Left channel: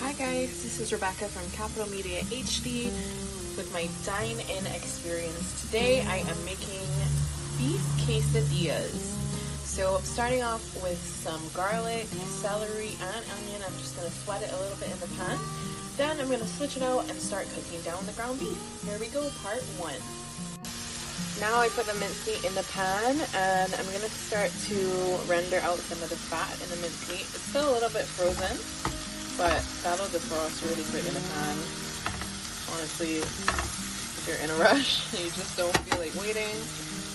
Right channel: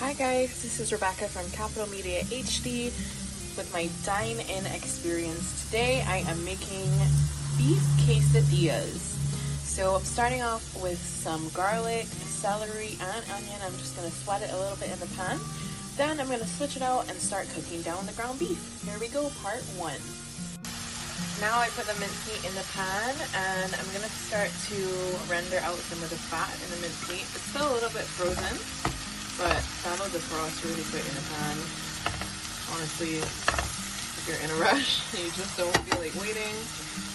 Hi guys, this is Rebecca from Capital Media HD with my Dine-In experience. Today I am making beef quesadillas. So I'm starting off with some garlic, celery, and onion. I'm just going to sweat it a little bit in the pan. Then I'm going to switch it out and start cooking down the ground beef. Here we go, part 1. Now I put the minced meat in the pan and I'm going to start to render out some of the fat in the minced meat. It's still a little bit frozen, but that'll defrost really quick in the pan. Honestly, if you're in a rush and you just don't feel like waiting,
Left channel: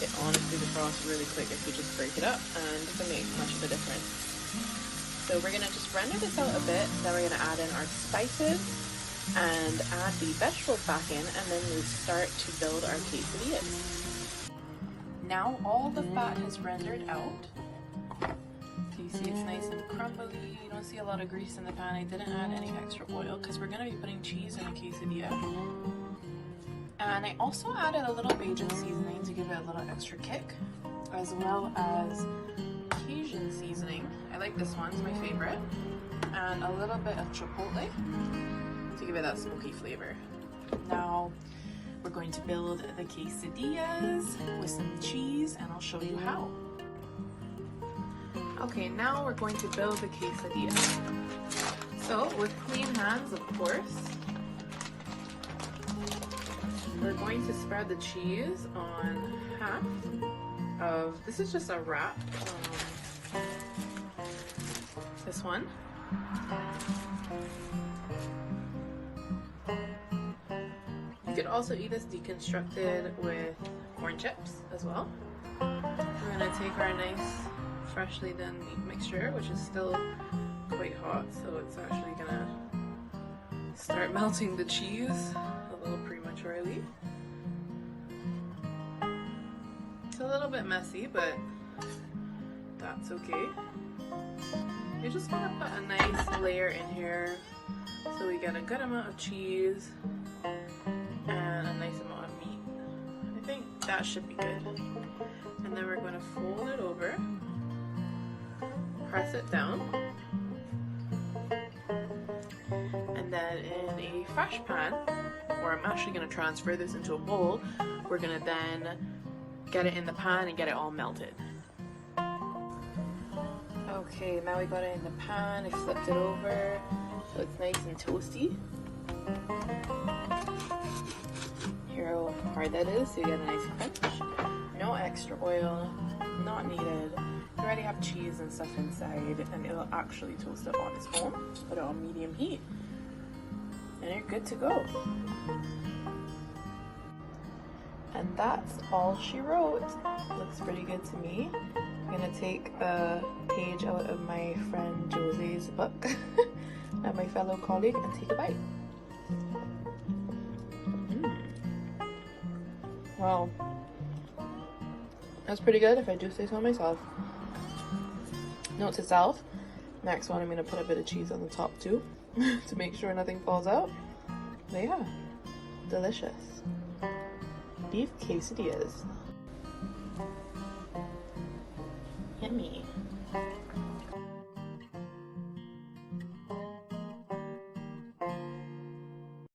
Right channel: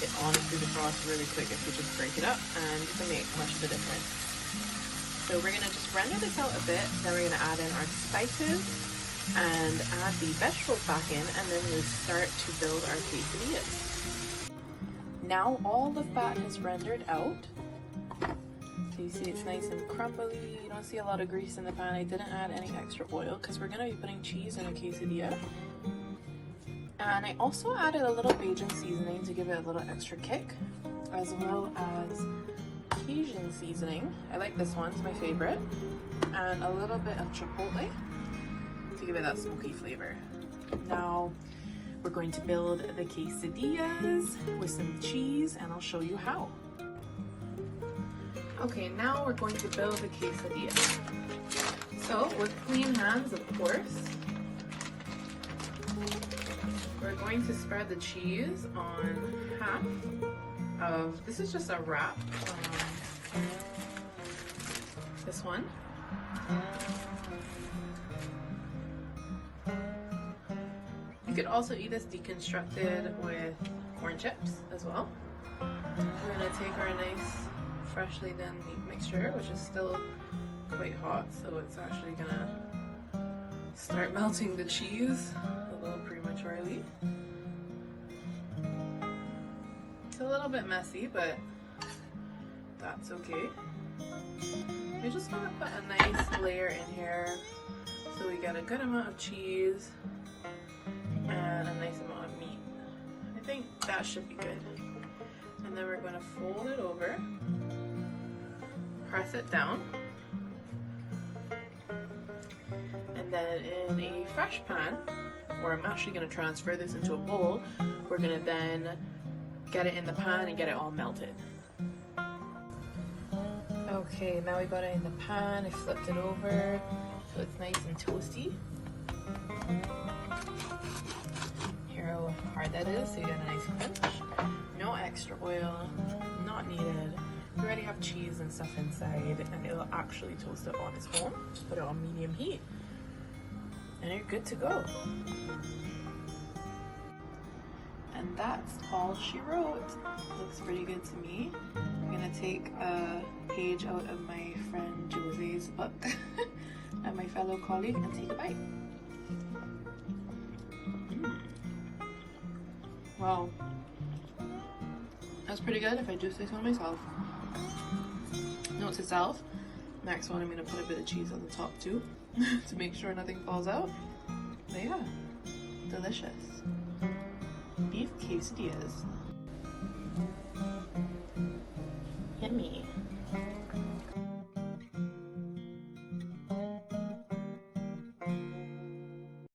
it honestly defrosts really quick if you just break it up, and it doesn't make much of a difference. So we're going to just render this out a bit, then we're going to add in our spices and add the vegetables back in, and then we start to build our quesadillas. Now all the fat is rendered out. So you see it's nice and crumbly. You don't see a lot of grease in the pan. I didn't add any extra oil because we're going to be putting cheese in a quesadilla. And I also added a little Cajun seasoning to give it a little extra kick, as well as Cajun seasoning. I like this one, it's my favorite. And a little bit of chipotle to give it that smoky flavor. Now we're going to build the quesadillas with some cheese, and I'll show you how. Okay, now we're going to build the quesadilla. So with clean hands, of course, we're going to spread the cheese on half of, this is just a wrap, this one. You could also eat this deconstructed with corn chips as well. We're gonna take our nice freshly done meat mixture, which is still quite hot, so it's actually gonna start melting the cheese a little prematurely. It's a little bit messy, but that's okay. You just want to put a nice layer in here so we get a good amount of cheese and a nice amount of meat. I think that should be good. And then we're going to fold it over, press it down, and then in a fresh pan, or I'm actually going to transfer this into a bowl, we're going to then get it in the pan and get it all melted. Okay, now we got it in the pan, I flipped it over so it's nice and toasty. Hear how hard that is, so you get a nice crunch. No extra oil, not needed. You already have cheese and stuff inside, and it'll actually toast it on its own. Just put it on medium heat, and you're good to go. And that's all she wrote. Looks pretty good to me. I'm gonna take a page out of my friend Jose's book and my fellow colleague and take a bite. Wow. That's pretty good if I do say so myself. Note to self, next one I'm gonna put a bit of cheese on the top too to make sure nothing falls out. But yeah, delicious. Beef quesadillas. Yummy.